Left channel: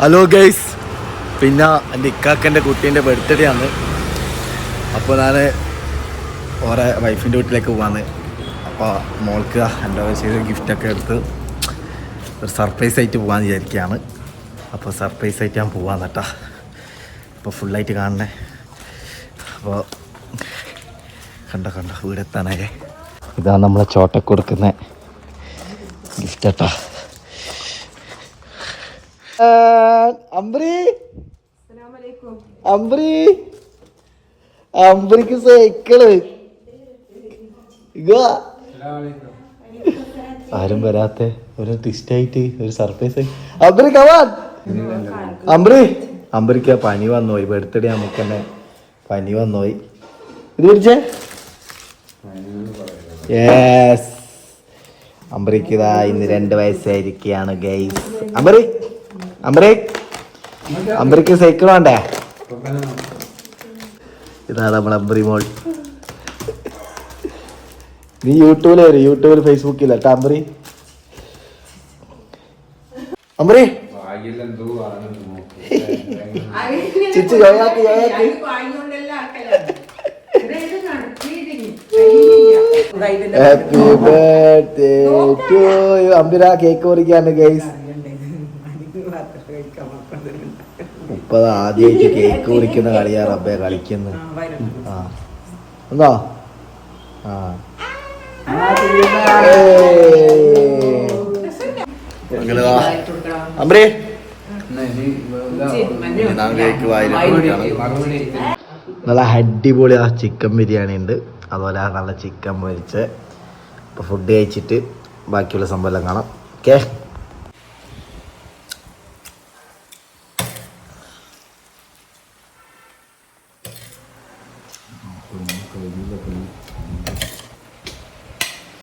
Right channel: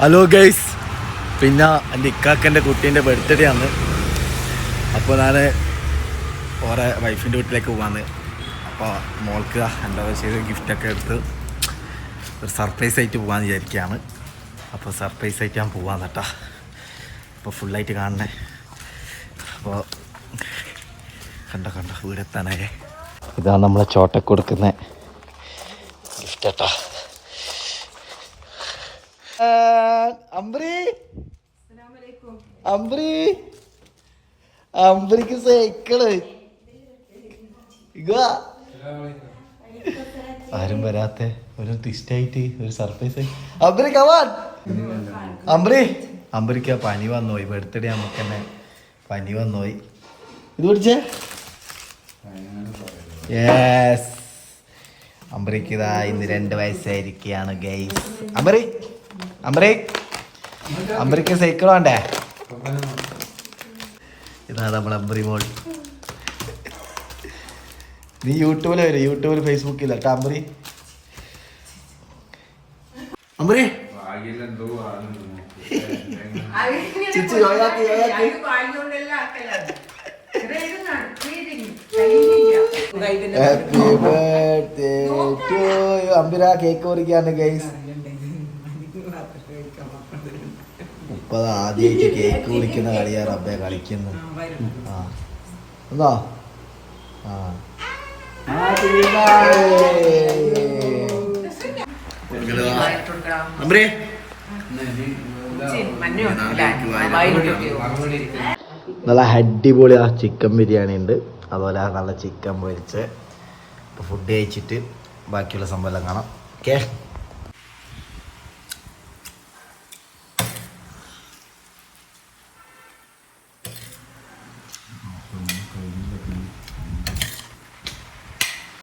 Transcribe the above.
Hello guys, പിന്നെ എൻ്റെ ഇക്കാക്കൻ്റെ കുട്ടീൻ്റെ ബർത്ത്ഡേ ആണ്. അപ്പോൾ ഞാൻ ഓരോ വൈഫിൻ്റെ വീട്ടിലേക്ക് പോവാന്ന്. അപ്പോൾ മോൾക്ക് എന്താ വെച്ചാൽ ഗിഫ്റ്റൊക്കെ എടുത്ത് ഒരു സർപ്രൈസ് ആയിട്ട് പോകാമെന്ന് വിചാരിക്കുകയാണ്. അപ്പോൾ സർപ്രൈസ് ആയിട്ട് ഞാൻ പോവാന്ന് കേട്ടോ. അപ്പോൾ ഫുള്ളായിട്ട് കാണണേ. അപ്പോൾ കണ്ട വീടെത്താനൊക്കെ ഇതാണ് നമ്മളെ ചോട്ടക്ക് കൊടുക്കുന്ന ഗിഫ്റ്റ് കേട്ടാ. അമ്പരിക്ക് സൈക്കിള് ആരും വരാത്ത ഒരു ട്വിസ്റ്റായിട്ട് ഒരു സർപ്രൈസ് ആയി. അമ്പരിക്ക് പനി വന്നുപോയി. ബർത്ത്ഡേ നമുക്ക് തന്നെ പനി വന്നുപോയി. ഇത് പിടിച്ചേ. യെസ്, അമ്പരിക്ക് ഇതാ ഇന്ന് 2 വയസ്സായിരിക്കുകയാണ് ഗൈസ്. അമ്പരിക്ക് സൈക്കിൾ വേണ്ടേ? ഇതാണ് നമ്മളെ അമ്പരി മോൾ. നീ യൂട്യൂബിൽ വരും, യൂട്യൂബിൽ ഫേസ്ബുക്കിൽ കേട്ടോ അമ്പരി. Chichu happy birthday to you. അമ്പര കേക്ക് മുറിക്കാണ് ഗൈസ്. ഇപ്പൊ ആദ്യമായിട്ട് കേക്ക് മുറിക്കുന്ന കളിയാ റബ്ബെ കളിക്കുന്നു. എന്താ അമ്പരേ നല്ല അടിപൊളി ചിക്കൻ ബിരിയാണി ഉണ്ട്, അതുപോലെ നല്ല ചിക്കൻ പൊരിച്ച്. ഇപ്പോൾ ഫുഡ് കഴിച്ചിട്ട് ബാക്കിയുള്ള സംഭവം എല്ലാം കാണാം. ഓക്കെ,